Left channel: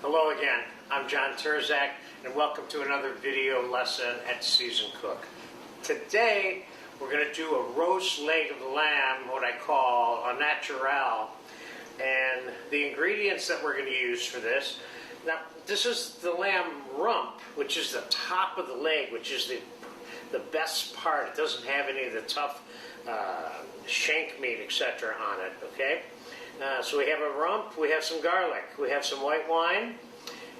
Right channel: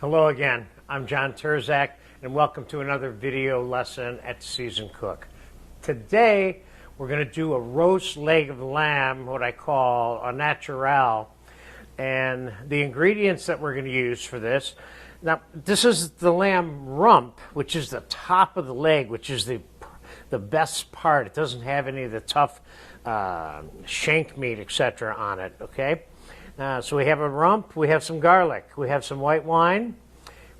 Hello again, I'm John Terzak and welcome to another video lesson at Seasoned Cook. Today we're going to do a roast leg of lamb, what I call a natural, and the ingredients that we're going to use for this. Now this is the lamb rump, which is the top of the leg, which is the best part. It doesn't have any of the tough shank meat, etc. on it, okay? So we have a rump, we have some garlic, we have some white wine,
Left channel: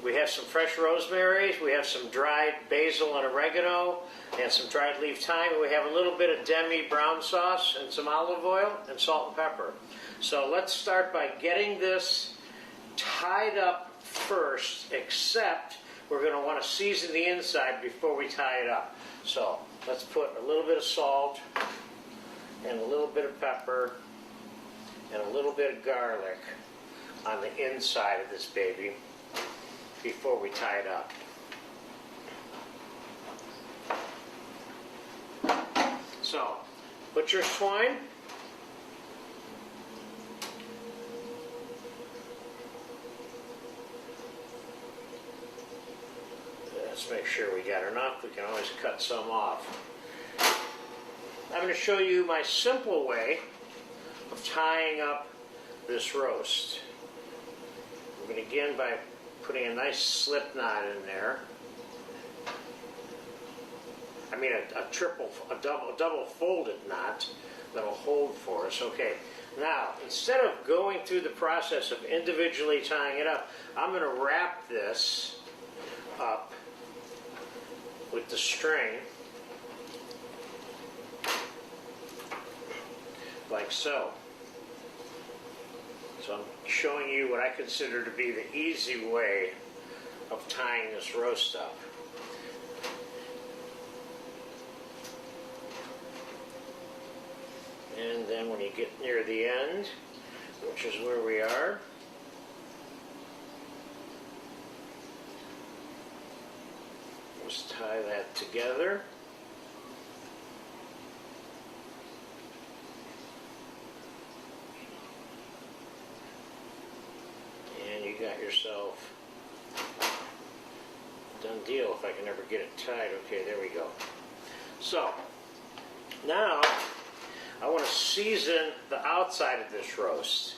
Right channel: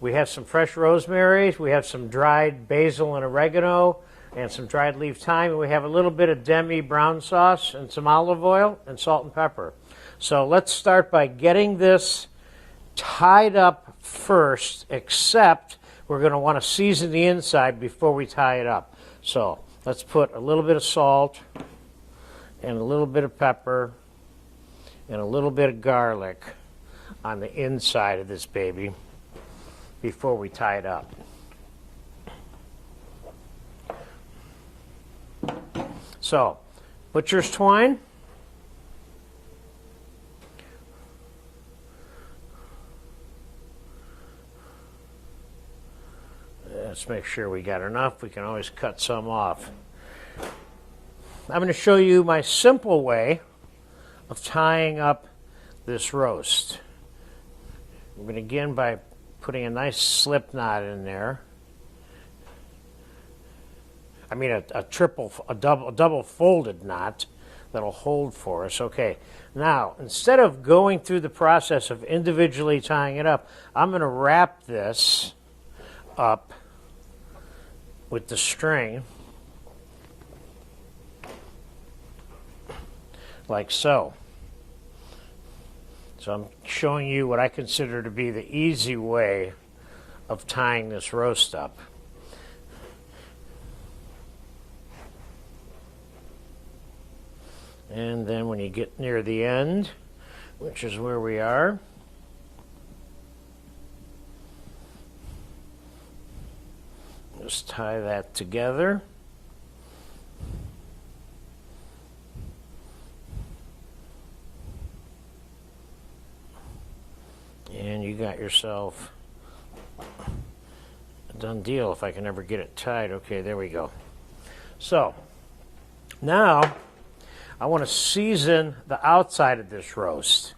we have some fresh rosemary, we have some dried basil and oregano, and some dried leaf thyme, and we have a little bit of demi brown sauce and some olive oil and salt and pepper. So let's start by getting this tied up first, except we're going to want to season the inside before we tie it up. So let's put a little bit of salt and a little bit of pepper and a little bit of garlic on the inside of this baby before we tie it up. So, butcher's twine. Let's make sure we got enough. We can always cut some off. I'm going to show you my simple way of tying up this roast. I'm going to begin by putting a nice slip knot in there. I mean a double folded knot that'll hold for us. Okay, now instead of going through the process of individually tying it up, I'm going to wrap this up with the string like so. So I'm showing you what I consider to be the easy way of tying this roast up. And then when you get near the end, which is where we are, just tie that together. And you got yourself a done deal if I can ever get it tied. Okay, there we go. So, now I want to season the outside of this roast.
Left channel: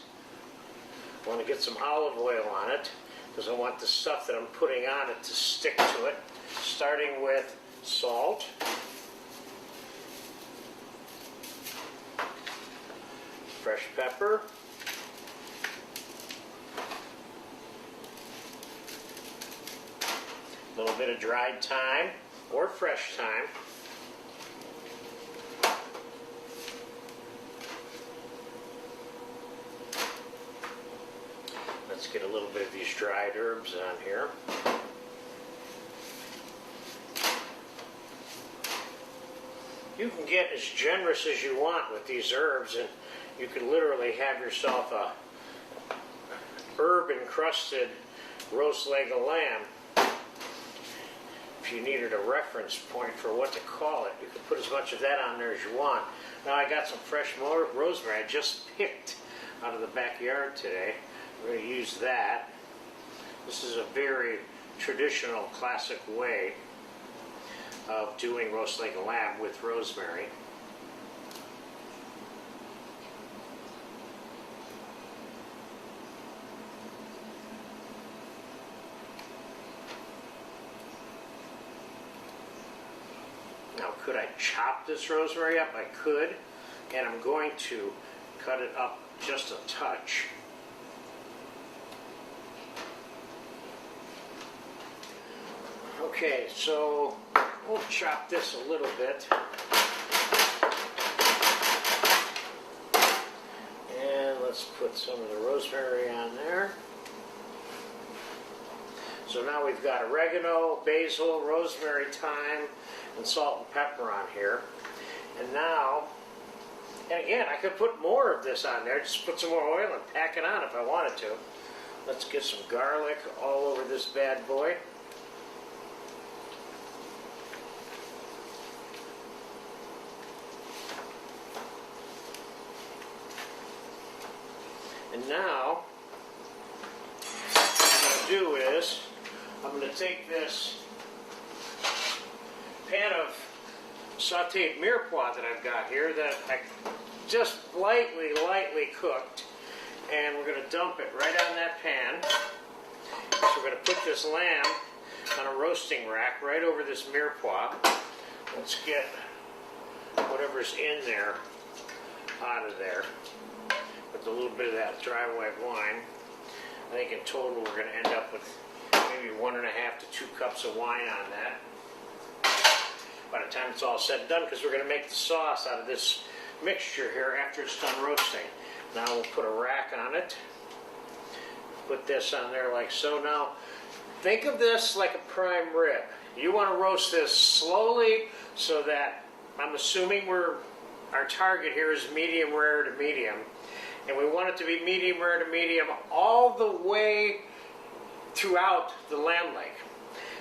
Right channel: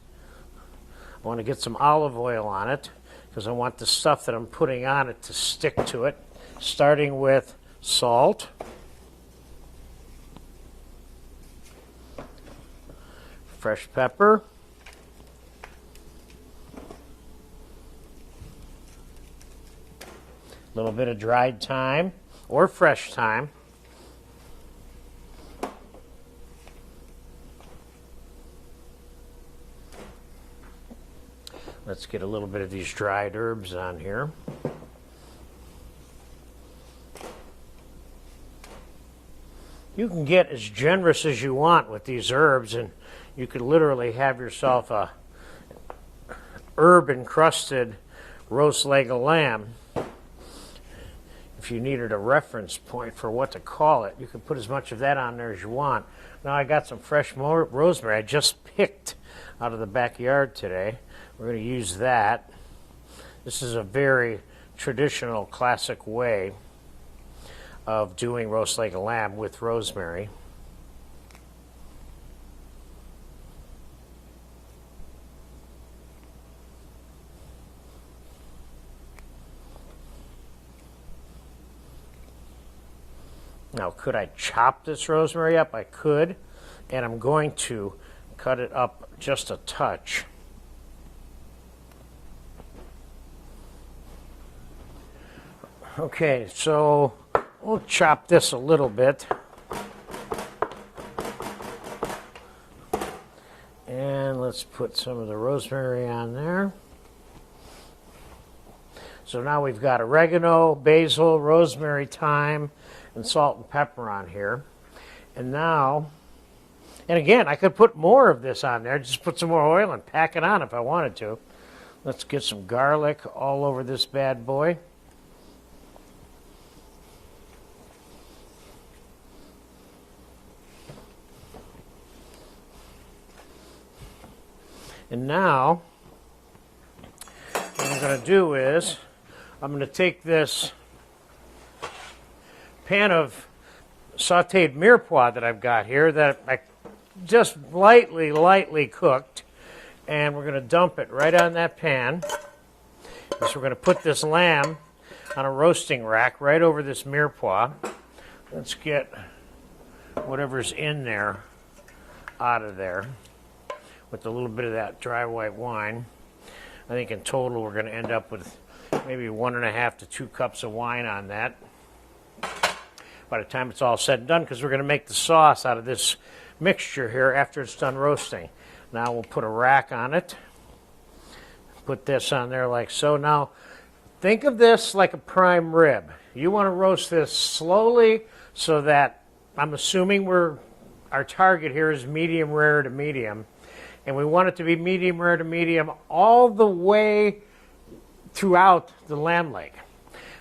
I want to get some olive oil on it because I want the stuff that I'm putting on it to stick to it, starting with salt, fresh pepper, a little bit of dried thyme or fresh thyme, let's get a little bit of these dried herbs on here. You can get as generous as you want with these herbs, and you could literally have yourself a herb encrusted roast leg of lamb. If you needed a reference point for what to call it, you could put as much of that on there as you want. Now I got some fresh rosemary I just picked out of the backyard today. We're going to use that. This is a very traditional, classic way of doing roast leg of lamb with rosemary. Now, could I chop this rosemary up? I could, and I'm going to cut it up just a touch. Okay, so we'll chop this a little bit. And let's put some of the rosemary on there. So now we've got oregano, basil, rosemary, thyme, and salt and pepper on here. And now, and again, I could put more of this on there, just put some more oil and pack it on if I wanted to. Let's get some garlic all over this bad boy. And now, I'm going to do is I'm going to take this pan of sauteed mirepoix that I've got here that I just lightly cooked, and we're going to dump it right on that pan. So we're going to put this lamb on a roasting rack right over this mirepoix. Let's get whatever's in there out of there with a little bit of that dry white wine. I think in total we're going to end up with maybe 1.5 to 2 cups of wine on that by the time it's all said and done, because we're going to make the sauce out of this mixture here after it's done roasting. Now we'll put a rack on it. Put this on there like so. Now think of this like a prime rib. You want to roast this slowly so that, I'm assuming our target here is medium rare to medium, and we want it to be medium rare to medium all the way throughout the lamb leg.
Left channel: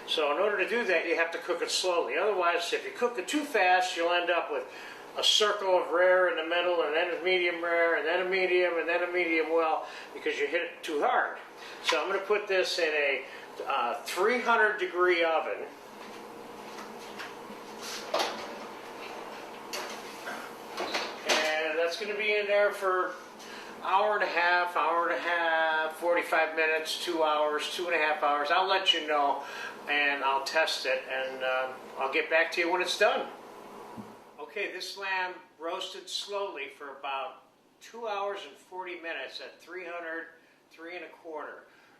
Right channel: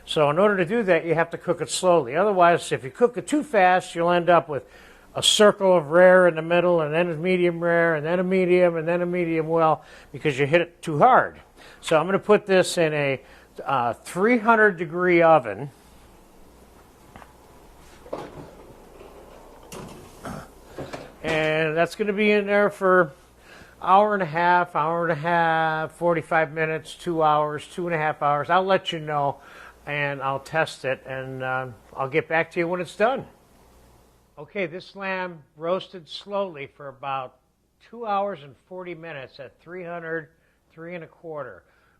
So in order to do that, you have to cook it slowly. Otherwise, if you cook it too fast, you'll end up with a circle of rare in the middle, and then a medium rare, and then a medium, and then a medium well, because you hit it too hard. So I'm going to put this in a 300-degree oven. And that's going to be in there for hour and a half, 45 minutes, 2 hours, 2.5 hours. I'll let you know, and I'll test it, and I'll get back to you when it's done. Okay, this lamb roasted slowly for about 2 hours and 40 minutes at 300, 3¼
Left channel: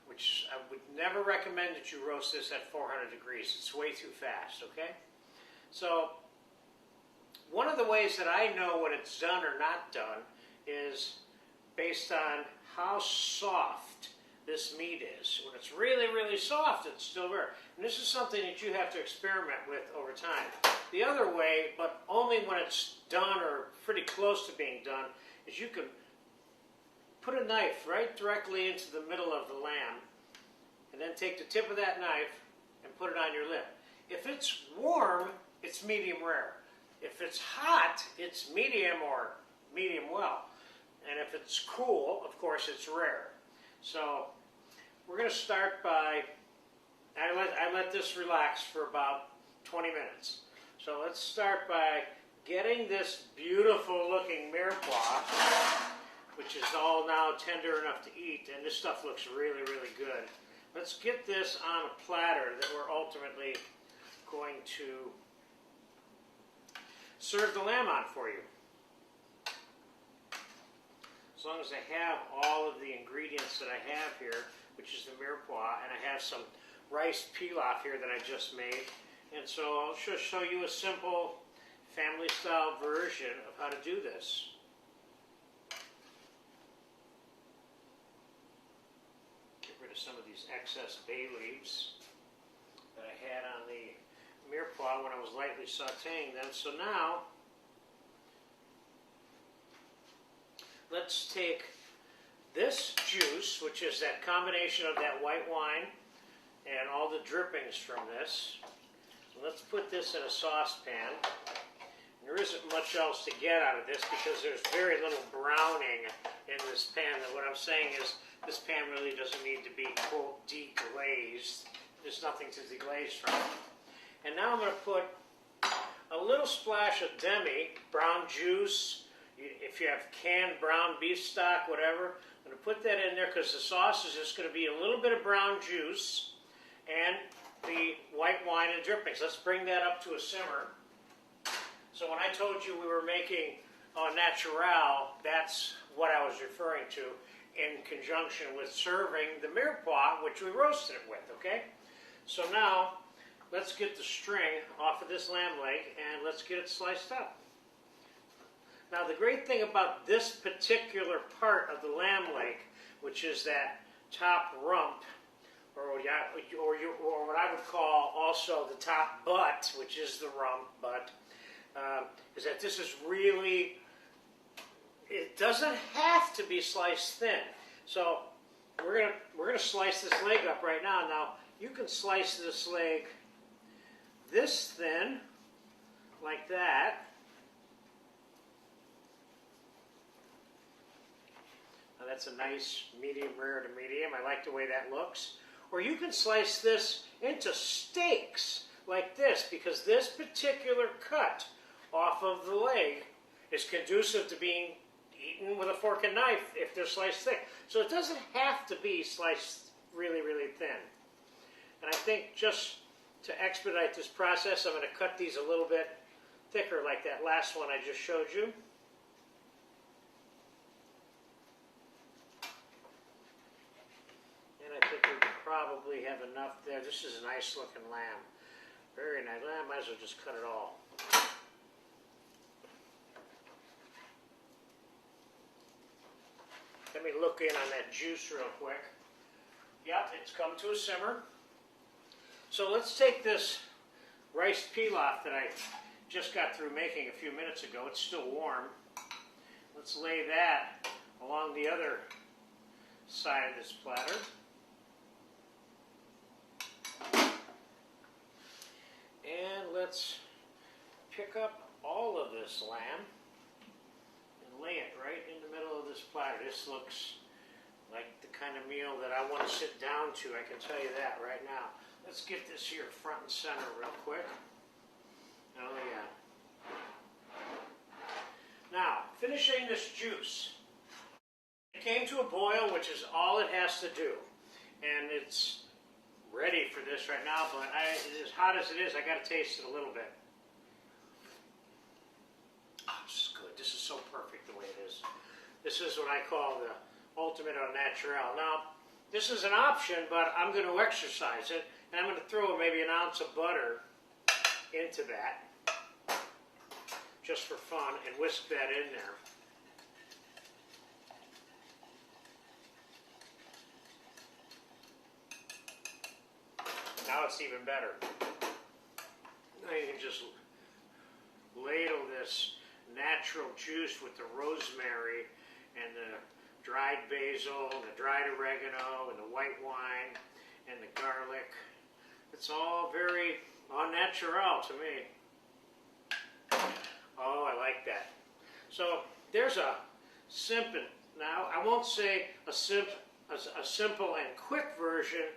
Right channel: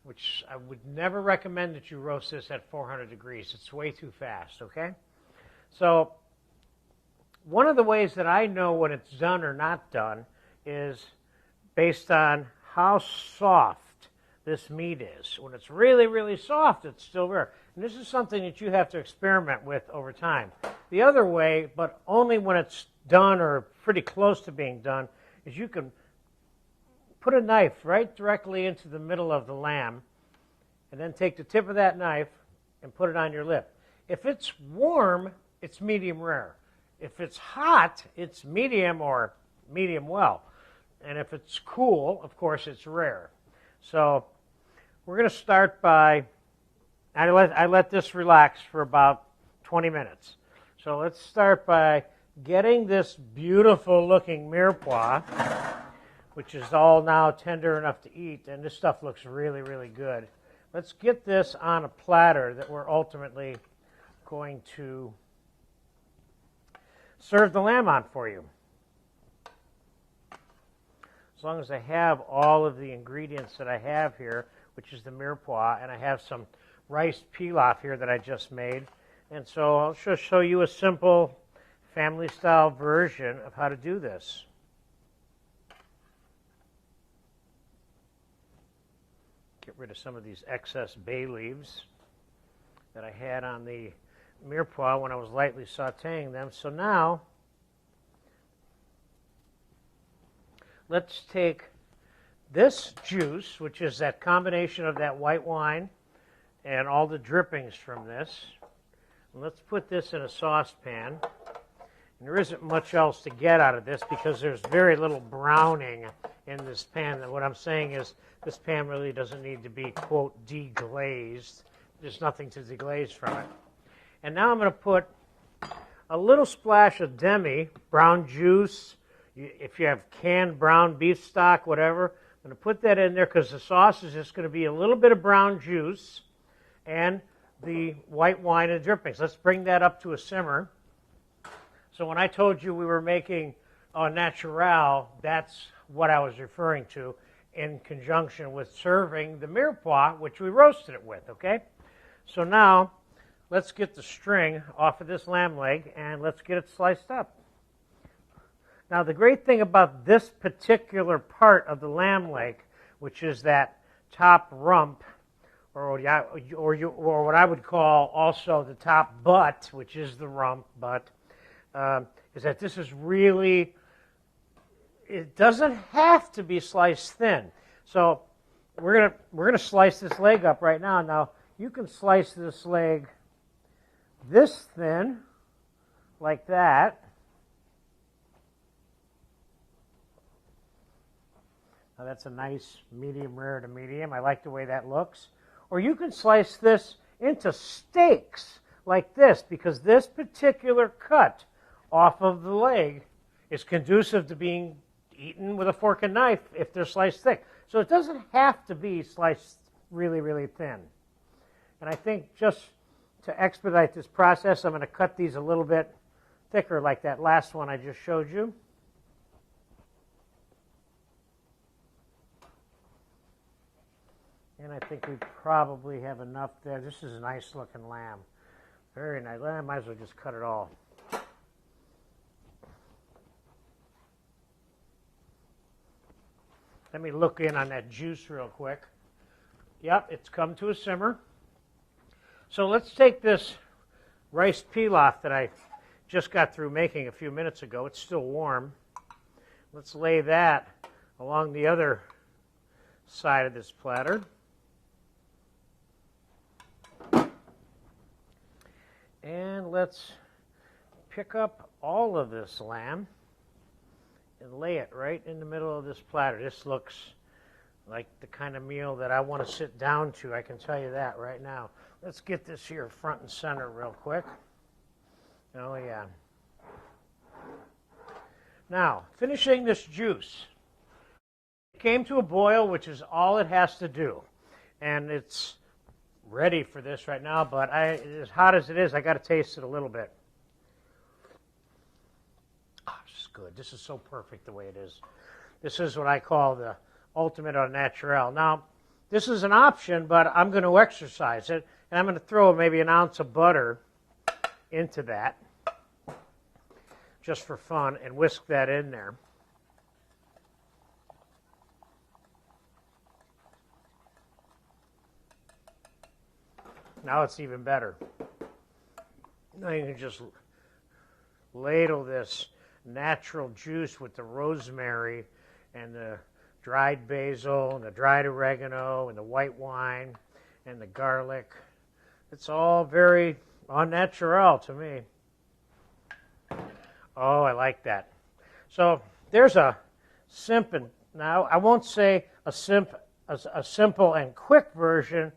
which I would never recommend that you roast this at 400 degrees. It's way too fast, okay? So one of the ways that I know when it's done or not done is based on how soft this meat is. When it's really, really soft, it's still rare. And this is something that you have to experiment with over time. The other way, but only when it's done or pretty close to being done, is you can put a knife right directly into the middle of the lamb and then take the tip of that knife and put it on your lip. If it's warm, it's medium rare. If it's hot, it's medium or medium well. And if it's cool, of course, it's rare. So we're going to start by, I let this relax for about 20 minutes. So let's start by getting this beautiful looking mirepoix, which is all now tender enough to eat, and this stuff looks really, really good. Let's get this on a platter that we're ultimately going to serve the lamb on for you. As long as I have all of the ingredients that I have here, which is the mirepoix, and I have some rice pilaf here that I just made. And so I'll just show you a simple family-style version of how to do this. Get rid of some of these excess bay leaves that I had on the mirepoix when I was lightly sauteing them. So now, let's take this juice, which is that combination of that white wine and all the drippings from this. Let's put this in a saucepan. And there isn't much else to get out of this because there's very little browning in this pan. And what I'm saying is this pan really doesn't need to be, quote, deglazed. There's nothing to deglaze from it. And now I'm going to put a little splash of demi, brown juice. If you have canned brown beef stock, whatever, I'm going to put that in there because the sauce is just going to be a little bit of brown juice and the white wine and drippings. Let's bring that up to a simmer. So when I told you we were making au naturel, that's what I was referring to in conjunction with serving the mirepoix, which we roasted it with, okay? So now, let's get the string off of this lamb leg and let's get it sliced up. Now the great thing about this particular part of the lamb leg, which is that top rump, or what I would call also the top butt, which is the rump butt, is that this is really, it doesn't have to be sliced thin. So we're gonna slice this leg up right now. Now you can slice this leg this thin, like that. Now that's a nice medium rare to medium. I like the way that looks. or you can slice this into steaks like this, because this particular cut off of the leg is conducive to being eaten with a fork and knife if they're sliced thick. So it doesn't have to be sliced really, really thin. And I think just to expedite this process, I'm going to cut these a little bit thicker like that last one I just showed you. And I think we probably have enough there. This is a nice looking lamb. Very nice. I might as well just cut it all. Let me look in on that juice real quick. Yep, it's come to a simmer. So let's take this rice pilaf that I just got through making a few minutes ago. It's still warm. Let's lay that along the other side of this platter. And let's pick up all of this lamb and lay it right in the middle of this platter. This looks like the kind of meal that I want to sit down to, I can tell you that right now. Let's get this here front and center real quick. Oh yeah. Now, finishing this juice. It came to a boil, which is all it has to do. And it's ready for this right now, but as hot as it is, I got to taste it a little bit. Oh, this is good. This is so perfect the way it is. This is what I call the ultimate au naturel. Now, this is an option, but I'm going to exercise it, and I'm going to throw maybe an ounce of butter into that, just for fun, and whisk that in there. Now it's even better. Now you can just ladle this natural juice with the rosemary and the dried basil and the dried oregano and the white wine and the garlic. It's all very au naturel to me. Oh, I like that. So there's a simple, now I won't say a simple and quick version,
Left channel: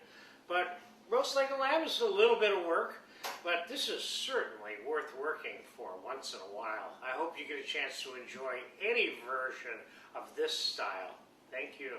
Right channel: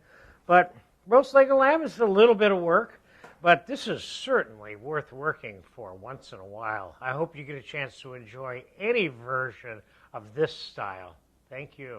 but roast leg of lamb is a little bit of work, but this is certainly worth working for once in a while. I hope you get a chance to enjoy any version of this style. Thank you.